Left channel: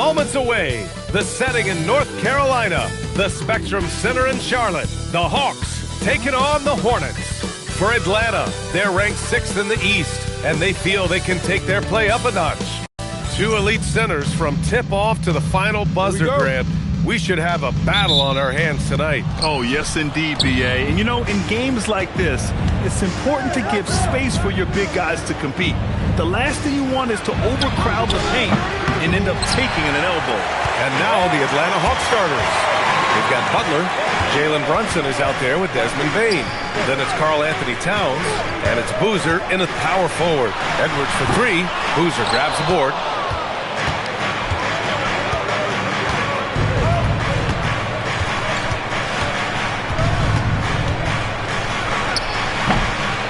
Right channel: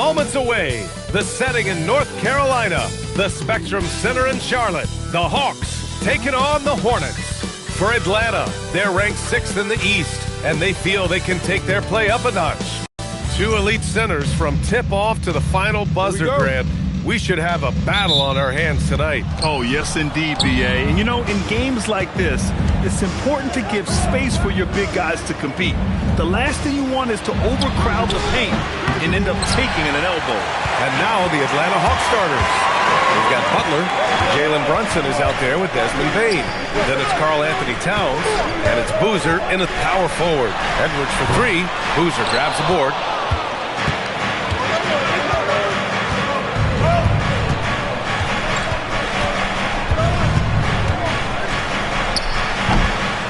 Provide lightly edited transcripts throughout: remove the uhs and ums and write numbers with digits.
moments away. The setting in North Carolina. The Spectrum Center in Charlotte. The Hawks taking on the Hornets. For Atlanta, they're ranked 6th in the East, and they feel they can take their play up a notch. Two elite centers from tip-off to the final buzzer, Grant. We should have a battle on our hands tonight. Oh, yes, indeed, B.A. And, you know, in games like this, it's important to give space for your big guys to compete. The last thing you want is to overcrowd the paint and end up taking an elbow. And now the Atlanta Hawks starters. We've got Butler. Jalen Brunson is out there with Desmond Bane. Then it's Karl Anthony Towns, and it's Boozer in a power forward. Edwards for three. Boozer grabs the board.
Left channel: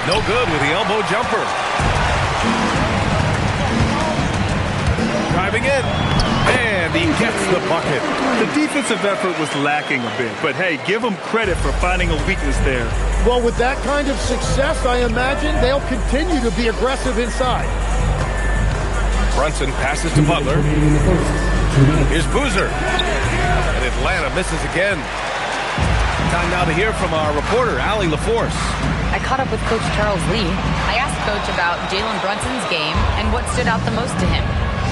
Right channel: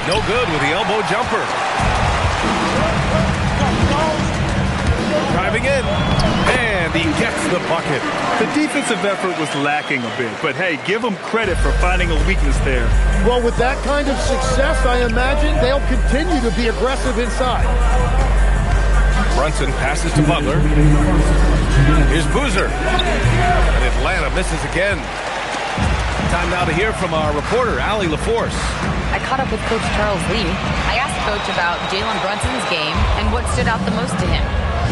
No good with the elbow jumper. Driving in, and he gets the bucket. The defensive effort was lacking a bit, but hey, give them credit for finding a weakness there. Well, with that kind of success, I imagine they'll continue to be aggressive inside. Brunson passes to Butler. Here's Boozer. And Atlanta misses again. Time now to hear from our reporter, Allie LaForce. I caught up with Coach Charles Lee. I asked Coach about Jalen Brunson's game and what stood out the most to him.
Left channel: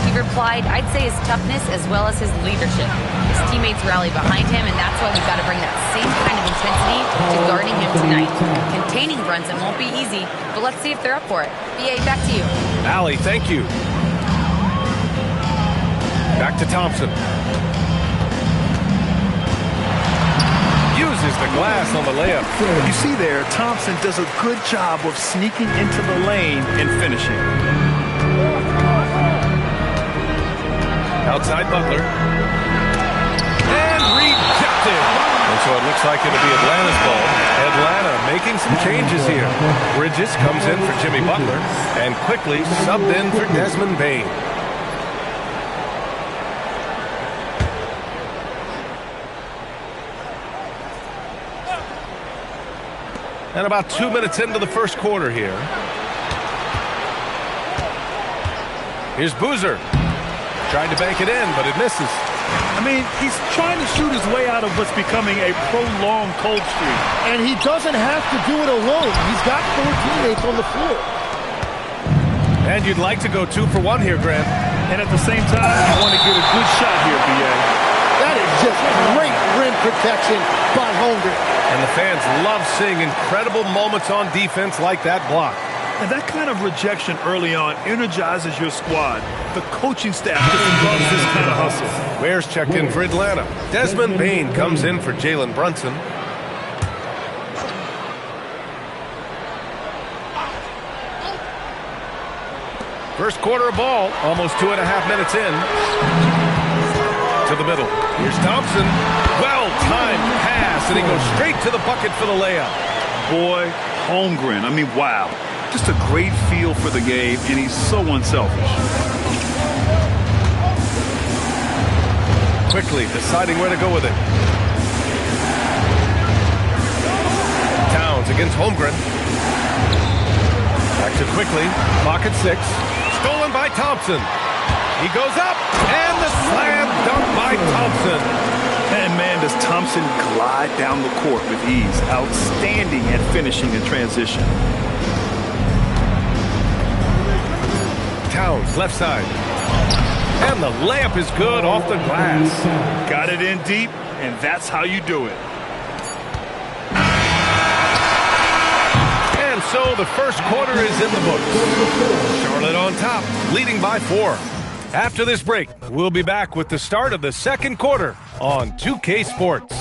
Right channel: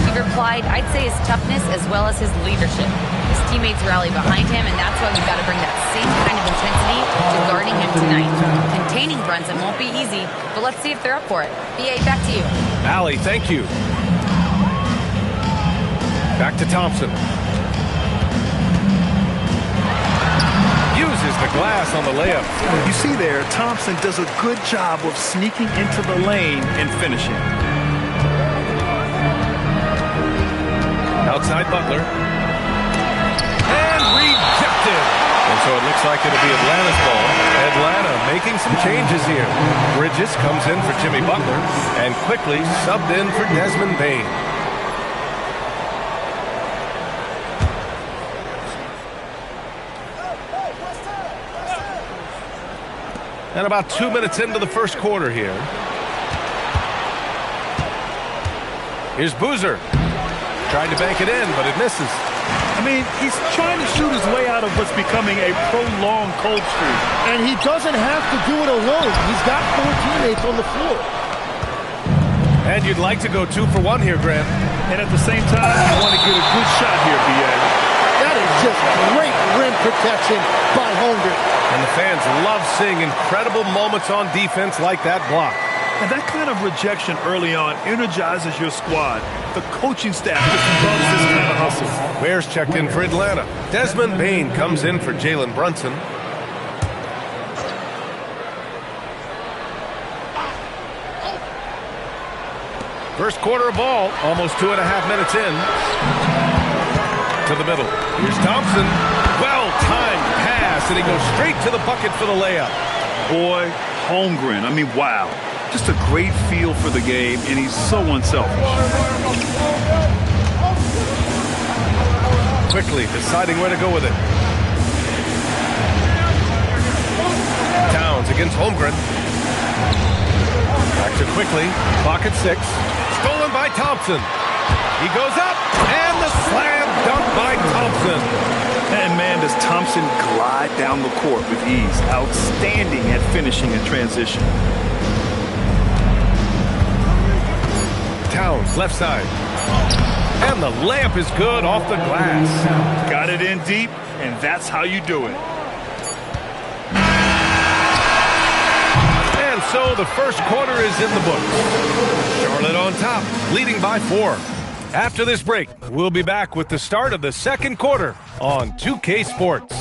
He replied, I'd say his toughness as well as his leadership. His teammates rally behind him, and that's why we've got to bring that same kind of intensity to guarding him tonight. Containing Brunson won't be easy, but let's see if they're up for it. B.A., back to you. Allie, thank you. Back to Thompson. Uses the glass on the layup. You see there, Thompson does a good job of sneaking into the lane and finishing. Outside Butler. And rejected. And so it looks like it'll be Atlanta's ball. Atlanta making some changes here. Bridges comes in for Jimmy Butler and quickly subbed in for Desmond Bane. And about 2 minutes into the first quarter here. Here's Boozer. Tried to bank it in, but it misses. I mean, he's trying to shoot his way out of what's becoming a prolonged cold streak. And he doesn't have to do it alone. He's got 4 teammates on the floor. And you'd like to go 2 for 1 here, Grant. And at the same time, you want to get a good shot here, B.A. That is just great rim protection by Holmgren. And the fans love seeing incredible moments on defense like that block. And that kind of rejection early on energizes your squad. The coaching staff just loves this kind of hustle. Ware's checked in for Atlanta. Desmond Bane comes in for Jalen Brunson. First quarter of ball, almost 2.5 minutes in. To the middle. Here's Thompson. Well-timed pass, and he goes straight to the bucket for the layup. Boy, Holmgren, I mean, wow. Just a great feel for the game, and he's so unselfish. Quickly deciding where to go with it. Towns against Holmgren. Back to quickly. Clock at 6. Stolen by Thompson. He goes up, and the slam dunk by Thompson. And man, does Thompson glide down the court with ease. Outstanding at finishing in transition. Towns, left side. And the layup is good off the glass. Got it in deep, and that's how you do it. And so the first quarter is in the books. Charlotte on top, leading by 4. After this break, we'll be back with the start of the second quarter on 2K Sports.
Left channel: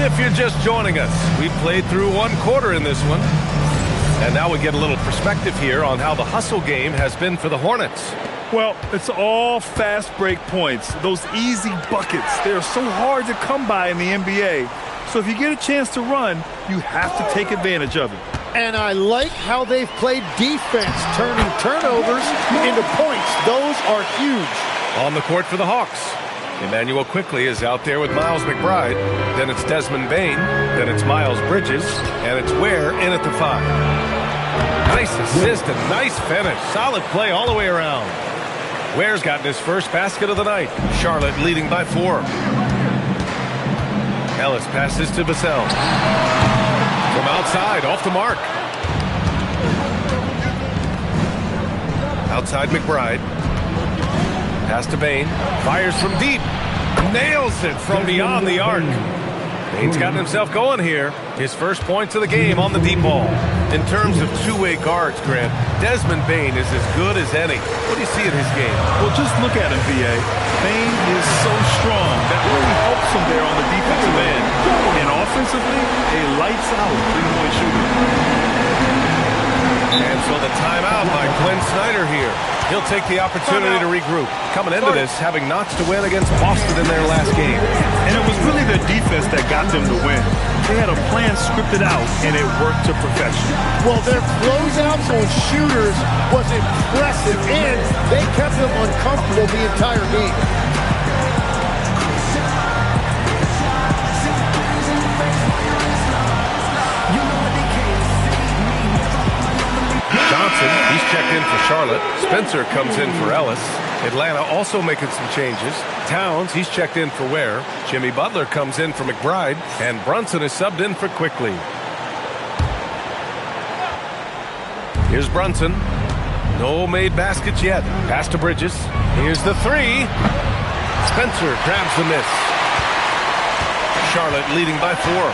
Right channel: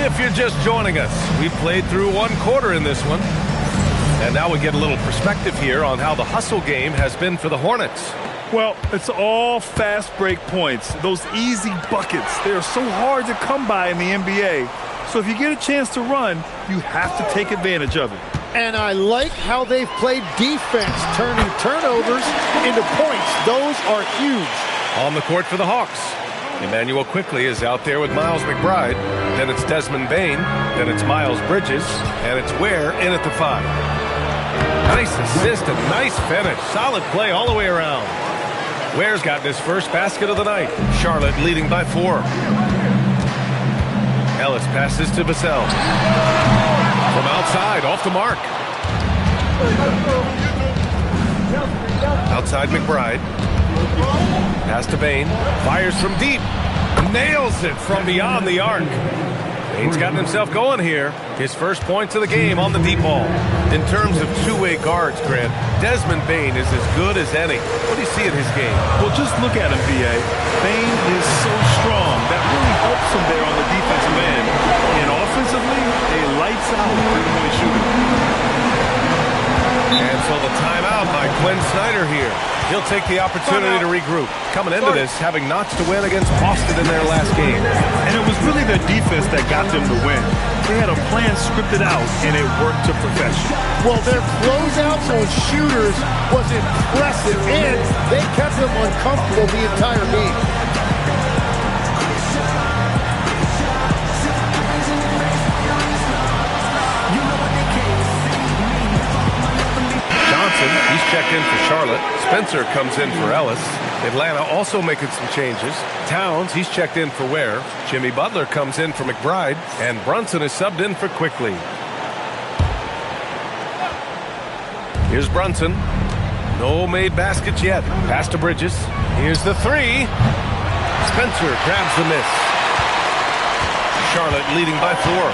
If you're just joining us, we played through 1 quarter in this one. And now we get a little perspective here on how the hustle game has been for the Hornets. Well, it's all fast break points. Those easy buckets, they are so hard to come by in the NBA. So if you get a chance to run, you have to take advantage of it. And I like how they've played defense, turning turnovers into points. Those are huge. On the court for the Hawks, Emmanuel Quickly is out there with Miles McBride. Then it's Desmond Bane. Then it's Miles Bridges. And it's Ware in at the 5. Nice assist and nice finish. Solid play all the way around. Ware's gotten his first basket of the night. Charlotte leading by 4. Ellis passes to Vassell. From outside, off the mark. Outside McBride. Pass to Bain. Fires from deep. Nails it from beyond the arc. Bain's gotten himself going here. His first points of the game on the deep ball. In terms of two-way guards, Grant, Desmond Bain is as good as any. What do you see in his game? Well, just look at him, V.A. Bain is so strong. That really helps him there on the defensive end. And offensively, a lights-out three-point shooter. And so the timeout by Quinn Snyder here. He'll take the opportunity to regroup. Coming into this, having notched to win against Boston in their last game. And it was really their defense that got them to win. They had a plan scripted out, and it worked to perfection. Well, their closeouts on shooters was impressive, and they kept them uncomfortable the entire game. Johnson, he's checked in for Charlotte. Spencer comes in for Ellis. Atlanta also making some changes. Towns, he's checked in for Ware. Jimmy Butler comes in for McBride. And Brunson is subbed in for Quickly. Here's Brunson. No made baskets yet. Pass to Bridges. Here's the three. Spencer grabs the miss. Charlotte leading by 4.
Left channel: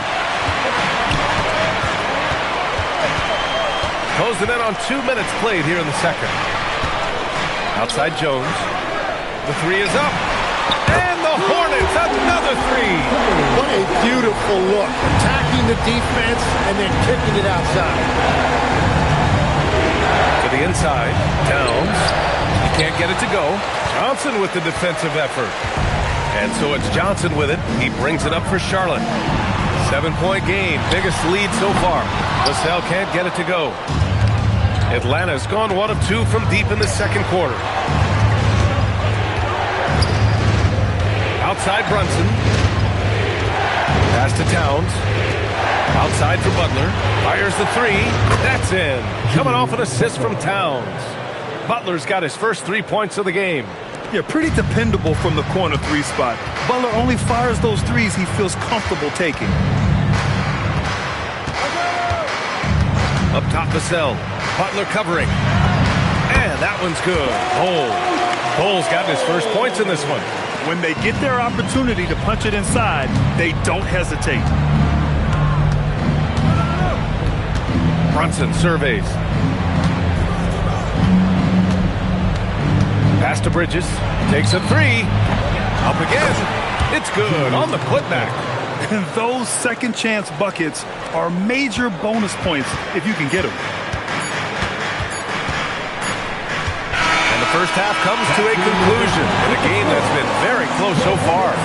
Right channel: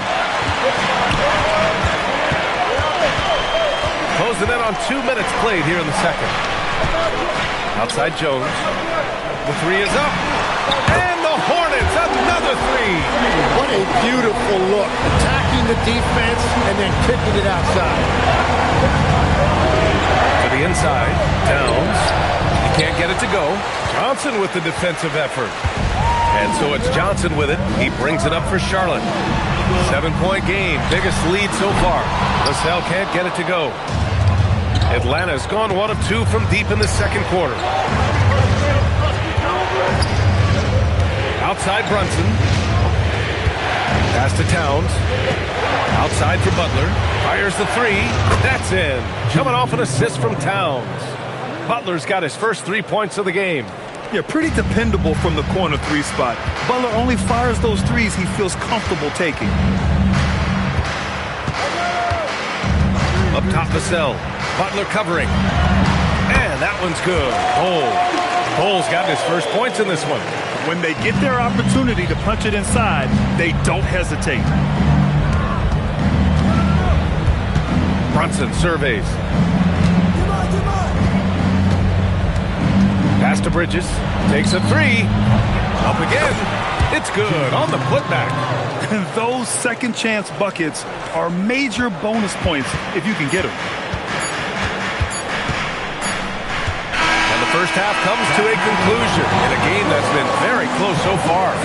Closing in on 2 minutes played here in the second. Outside Jones. The three is up. And the Hornets, another three. What a beautiful look. Attacking the defense and then kicking it outside. To the inside. Towns. He can't get it to go. Johnson with the defensive effort. And so it's Johnson with it. He brings it up for Charlotte. 7-point game. Biggest lead so far. LaSalle can't get it to go. Atlanta's gone 1 of 2 from deep in the second quarter. Outside Brunson. Pass to Towns. Outside for Butler. Fires the three. That's in. Coming off an assist from Towns. Butler's got his first 3 points of the game. Yeah, pretty dependable from the corner 3 spot. Butler only fires those threes he feels comfortable taking. Up top Vassell. Butler covering. And that one's good. Bole's gotten his first points in this one. When they get their opportunity to punch it inside, they don't hesitate. Brunson surveys. Pass to Bridges. Takes a three. Up again. It's good on the putback. Those second chance buckets are major bonus points if you can get them. And the first half comes to a conclusion in a game that's been very close so far.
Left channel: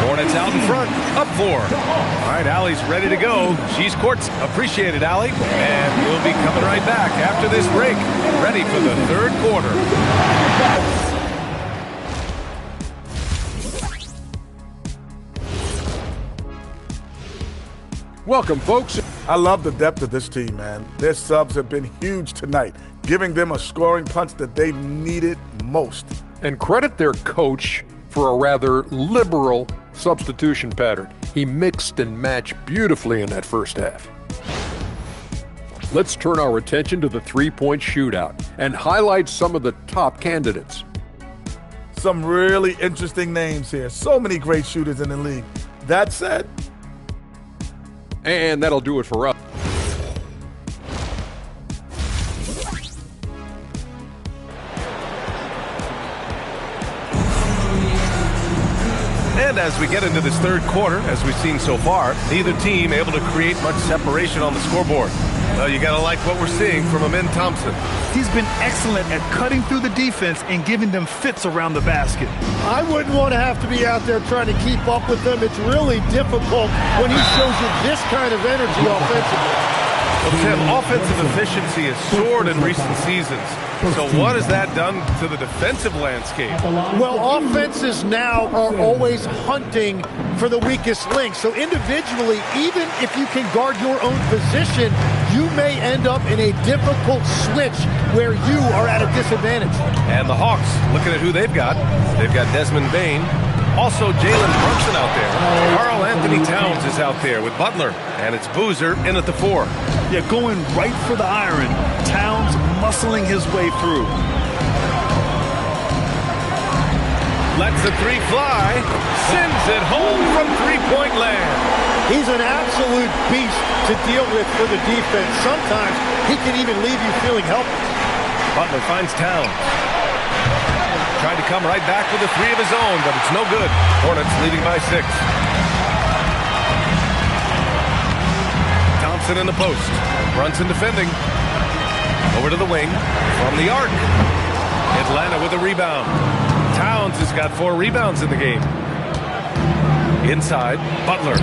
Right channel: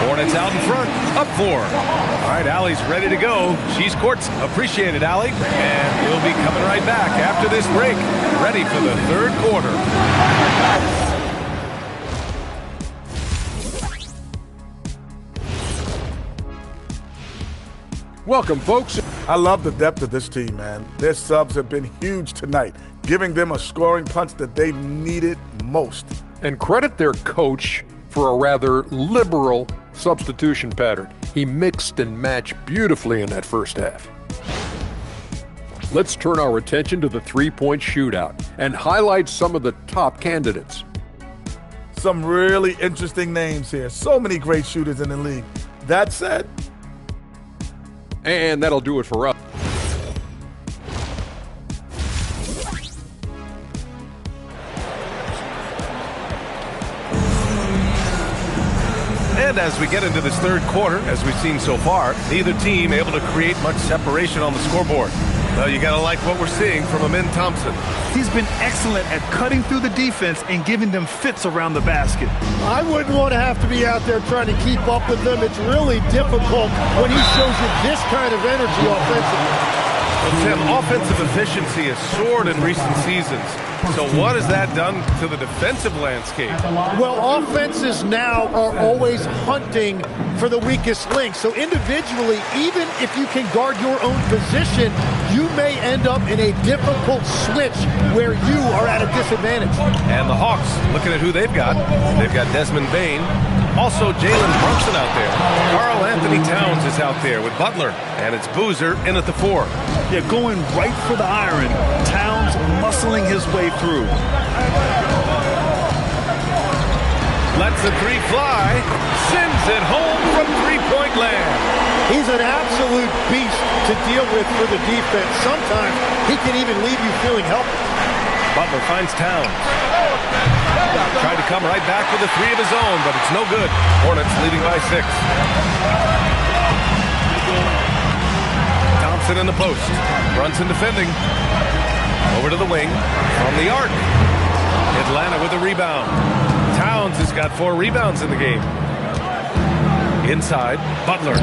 Hornets out in front, up 4. All right, Allie's ready to go. She's courts. Appreciate it, Allie. And we'll be coming right back after this break, ready for the third quarter. Welcome, folks. I love the depth of this team, man. Their subs have been huge tonight, giving them a scoring punch that they needed most. And credit their coach for a rather liberal substitution pattern. He mixed and matched beautifully in that first half. Let's turn our attention to the three-point shootout and highlight some of the top candidates. Some really interesting names here. So many great shooters in the league. That said, and that'll do it for us. And as we get into this third quarter, as we've seen so far, neither team able to create much separation on the scoreboard. Well, you got to like what we're seeing from Amin Thompson. He's been excellent at cutting through the defense and giving them fits around the basket. I wouldn't want to have to be out there trying to keep up with them. It's really difficult when he shows you this kind of energy offensively. Well, Tim, offensive efficiency has soared in recent seasons. So what has that done to the defensive landscape? Well, offenses now are always hunting for the weakest link. So individually, even if you can guard your own position, you may end up in a difficult switch where you are at a disadvantage. And the Hawks, looking at who they've got Desmond Bane, also Jalen Brunson out there. Karl Anthony Towns is out there with Butler, and it's Boozer in at the 4. Yeah, going right for the iron. Towns muscling his way through. Lets the 3 fly, sends it home from three-point land. He's an absolute beast to deal with for the defense. Sometimes he can even leave you feeling helpless. Butler finds Towns. Tried to come right back with a 3 of his own, but it's no good. Hornets leading by 6. Thompson in the post. Brunson defending. Over to the wing. From the arc. Atlanta with a rebound. Towns has got 4 rebounds in the game. Inside, Butler.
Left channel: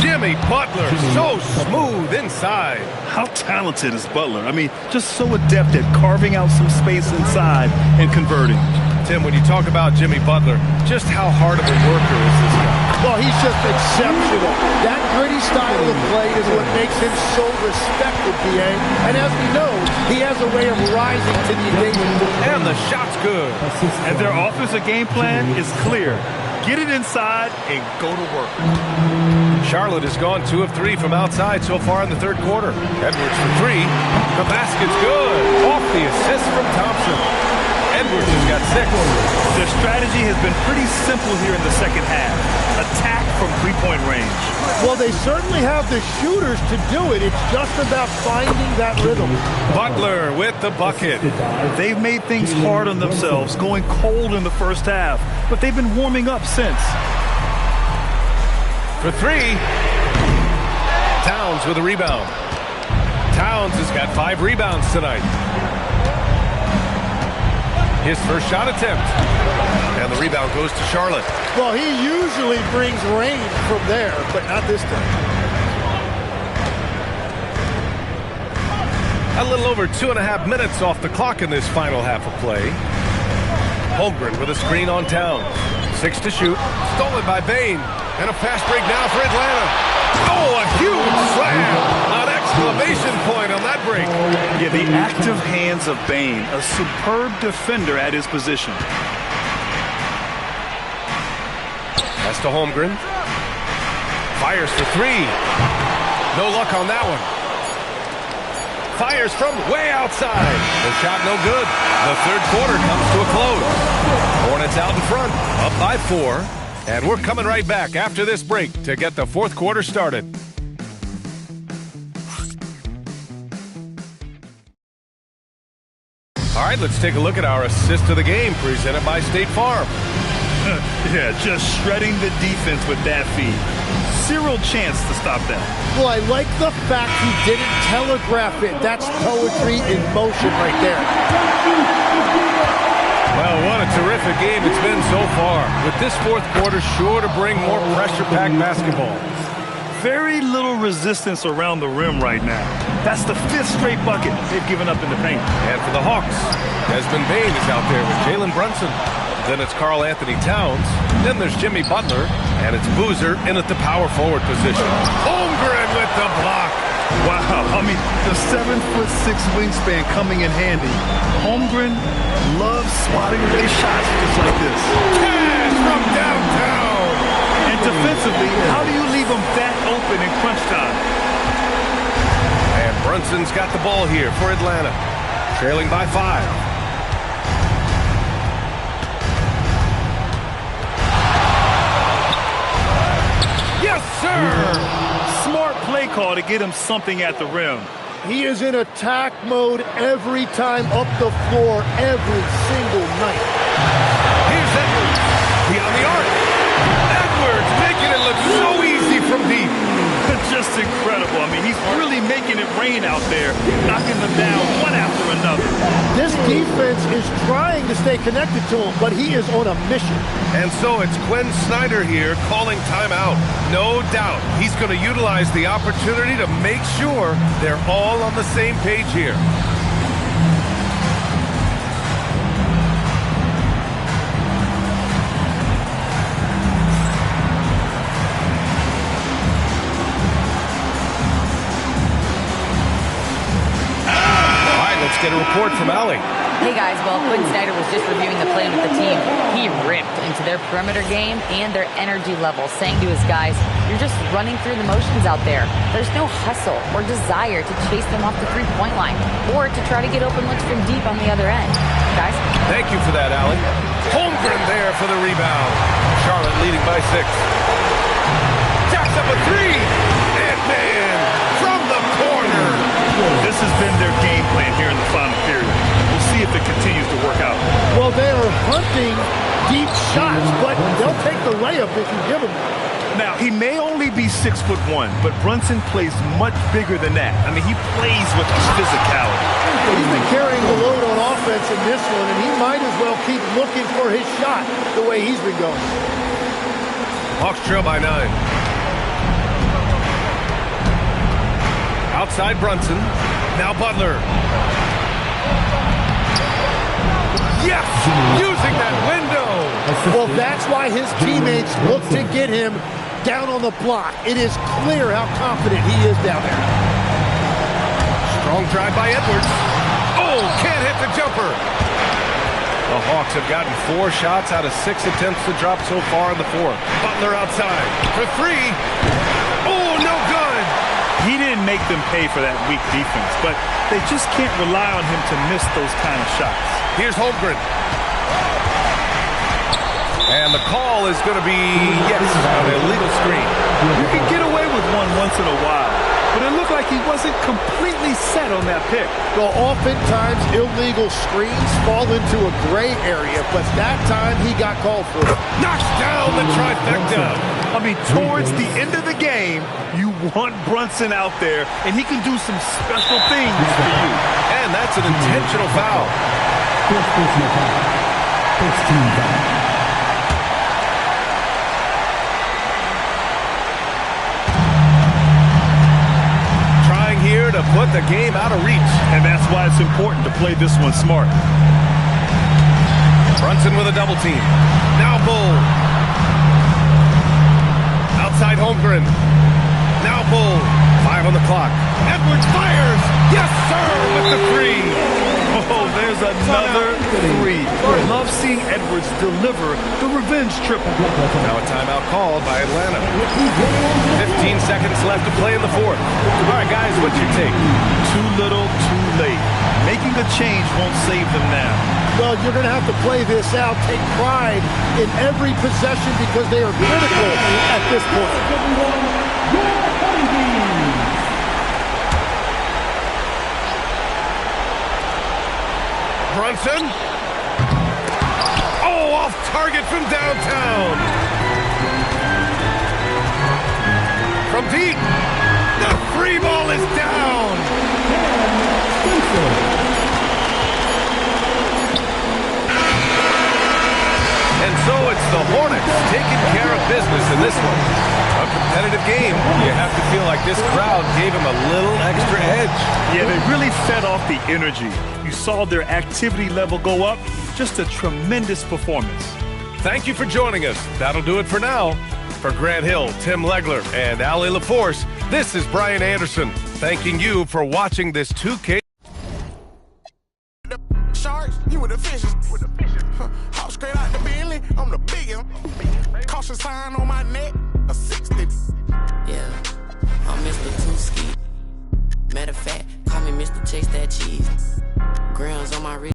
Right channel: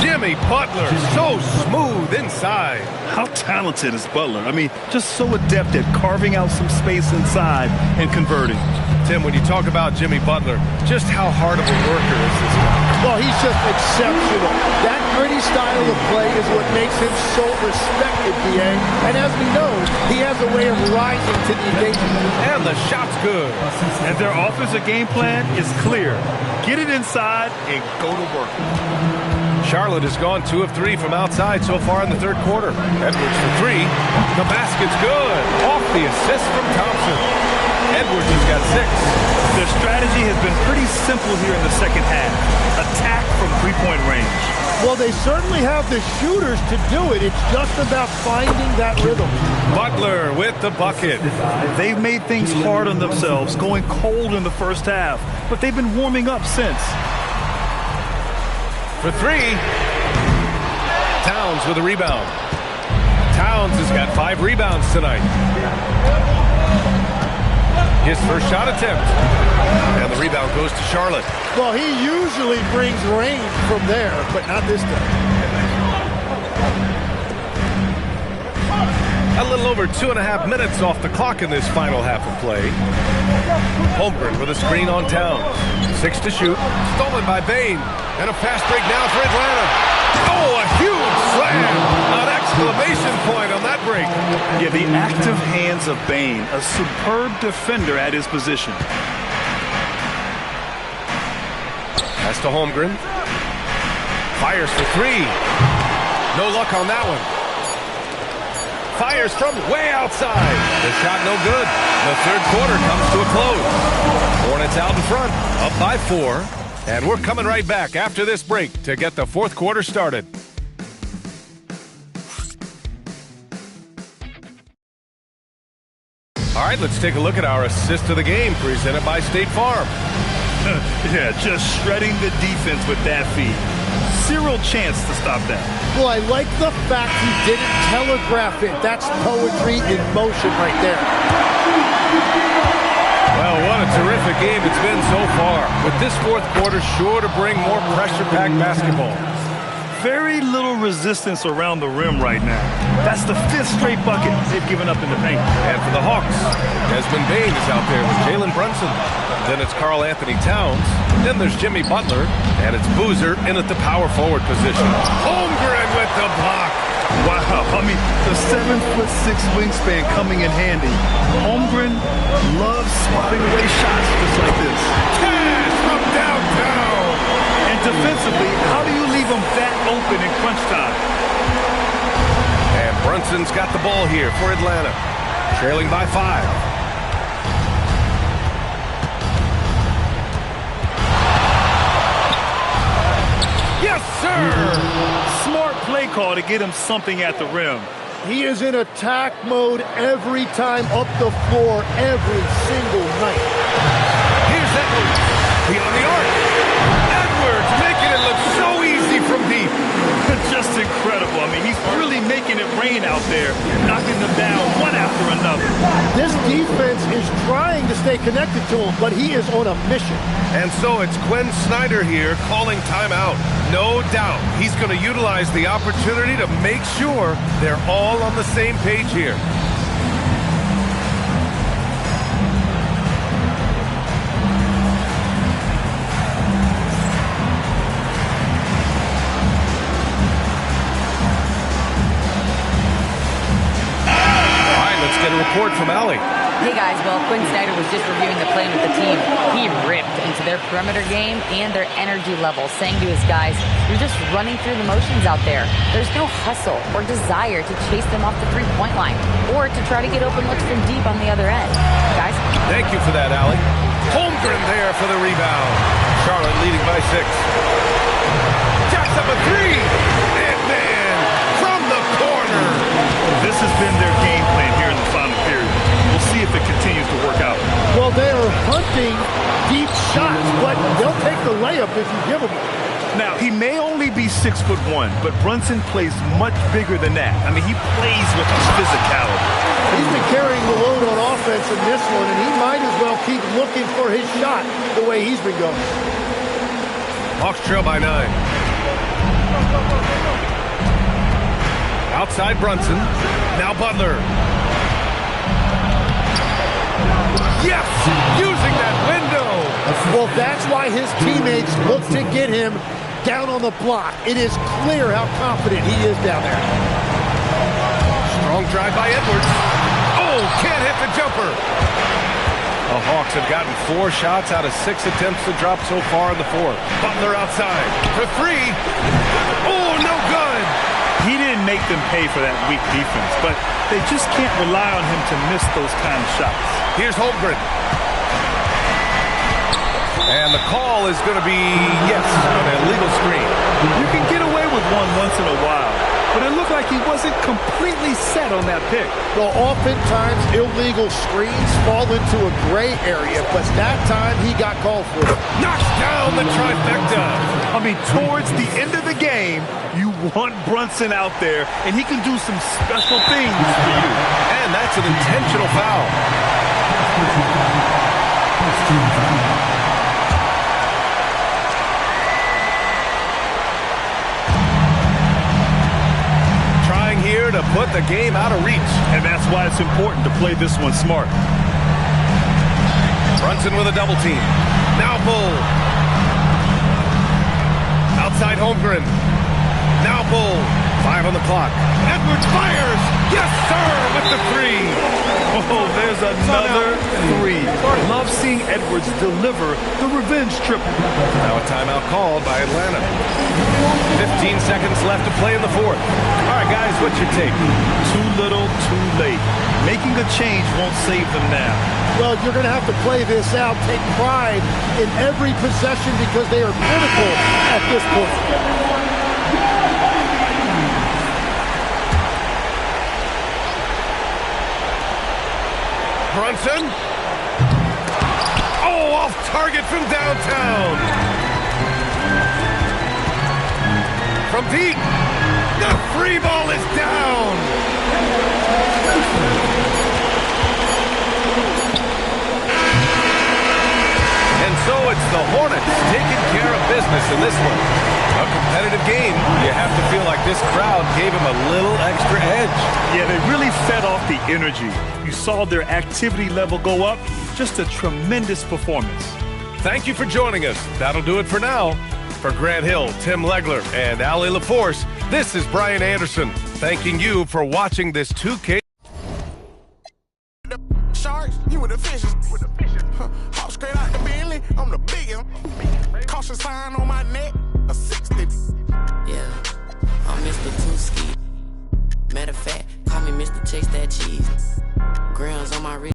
Jimmy Butler, so smooth inside. How talented is Butler? I mean, just so adept at carving out some space inside and converting. Tim, when you talk about Jimmy Butler, just how hard of a worker is this guy? Well, he's just exceptional. That gritty style of play is what makes him so respected, B.A. And as we know, he has a way of rising to the occasion. And the shot's good. And their offensive game plan is clear. Get it inside and go to work. Charlotte has gone 2 of 3 from outside so far in the third quarter. Edwards for 3. The basket's good. Off the assist from Thompson. Edwards has got 6. Their strategy has been pretty simple here in the second half. Attack from three-point range. Well, they certainly have the shooters to do it. It's just about finding that rhythm. Butler with the bucket. They've made things hard on themselves, going cold in the first half, but they've been warming up since. For 3. Towns with a rebound. Towns has got 5 rebounds tonight. His first shot attempt. And the rebound goes to Charlotte. Well, he usually brings rain from there, but not this time. A little over 2.5 minutes off the clock in this final half of play. Holmgren with a screen on Towns. 6 to shoot. Stolen by Bane. And a fast break now for Atlanta. Oh, a huge slam! An exclamation point on that break. Yeah, the active hands of Bane, a superb defender at his position. Pass to Holmgren. Fires for 3. No luck on that one. Fires from way outside. The shot no good. The third quarter comes to a close. Hornets out in front, up by 4. And we're coming right back after this break to get the fourth quarter started. All right, let's take a look at our assist of the game presented by State Farm. Yeah, just shredding the defense with that feed. Zero chance to stop that. Well, I like the fact he didn't telegraph it. That's poetry in motion right there. Well, what a terrific game it's been so far, with this fourth quarter sure to bring more pressure-packed basketball. Very little resistance around the rim right now. That's the 5th straight bucket they've given up in the paint. And for the Hawks, Desmond Bane is out there with Jalen Brunson. Then it's Karl Anthony Towns. Then there's Jimmy Butler. And it's Boozer in at the power forward position. Holmgren with the block. Wow, I mean, the 7'6" wingspan coming in handy. Holmgren loves swatting away shots just like this. Cash from downtown. And defensively, how do you leave them that open in crunch time? And Brunson's got the ball here for Atlanta. Trailing by 5. Yes, sir! Smart play call to get him something at the rim. He is in attack mode every time up the floor, every single night. Here's Edwards. Beyond the arc. Edwards making it look so easy from deep. Just incredible. I mean, he's really making it rain out there, knocking them down one after another. This defense is trying to stay connected to him, but he is on a mission. And so it's Quinn Snyder here calling timeout. No doubt he's going to utilize the opportunity to make sure they're all on the same page here. get a report from Allie. Hey guys, well, Quinn Snyder was just reviewing the plan with the team. He ripped into their perimeter game and their energy level, saying to his guys, you're just running through the motions out there. There's no hustle or desire to chase them off the three-point line or to try to get open looks from deep on the other end. Guys? Thank you for that, Allie. Holmgren there for the rebound. Charlotte leading by 6. Jacks up a 3. And man, from the corner. This has been their game plan here in the final period. We'll see if it continues to work out. Well, they are hunting deep shots, but they'll take the layup if you give them one. Now, he may only be 6'1", but Brunson plays much bigger than that. I mean, he plays with a physicality. He's been carrying the load on offense in this one, and he might as well keep looking for his shot the way he's been going. Hawks trail by 9. Outside Brunson. Now Butler. Yes! Using that window! Well, that's why his teammates look to get him down on the block. It is clear how confident he is down there. Strong drive by Edwards. Oh, can't hit the jumper. The Hawks have gotten 4 shots out of 6 attempts to drop so far in the 4th. Butler outside for 3. Oh, no good. He didn't make them pay for that weak defense, but they just can't rely on him to miss those kind of shots. Here's Holmgren. And the call is going to be, yes, an illegal screen. You can get away with one once in a while, but it looked like he wasn't completely set on that pick. Well, oftentimes illegal screens fall into a gray area, but that time he got called for it. Knocks down the trifecta. I mean, towards the end of the game, you want Brunson out there, and he can do some special things for you. And that's an intentional foul. Trying here to put the game out of reach. And that's why it's important to play this one smart. Brunson with a double team. Now Bull. Outside Holmgren. Now Bull. 5 on the clock. Edwards fires. Yes, sir, with the 3. Oh, there's another 3. Love seeing Edwards deliver the revenge triple. Now a timeout called by Atlanta. 15 seconds left to play in the 4th. All right, guys, what's your take? Too little, too late. Making a change won't save them now. Well, you're going to have to play this out, take pride in every possession because they are critical at this point. Brunson. Oh, off target from downtown. From deep. The free ball is down. And so it's the Hornets taking care of business in this one. A competitive game. You have to feel like this crowd gave them a little extra edge. Yeah, they really fed off the energy. You saw their activity level go up. Just a tremendous performance. Thank you for joining us. That'll do it for now. For Grant Hill, Tim Legler, and Allie LaForce, this is Brian Anderson, thanking you for watching this 2K. Sharks, you with the fishes. Hop straight out the Bentley, I'm the biggest. Caution sign on my neck, a 60. Yeah, I'm Mr. Tooski. Matter of fact, call me Mr. Chase That Cheese. Grounds on my wrist.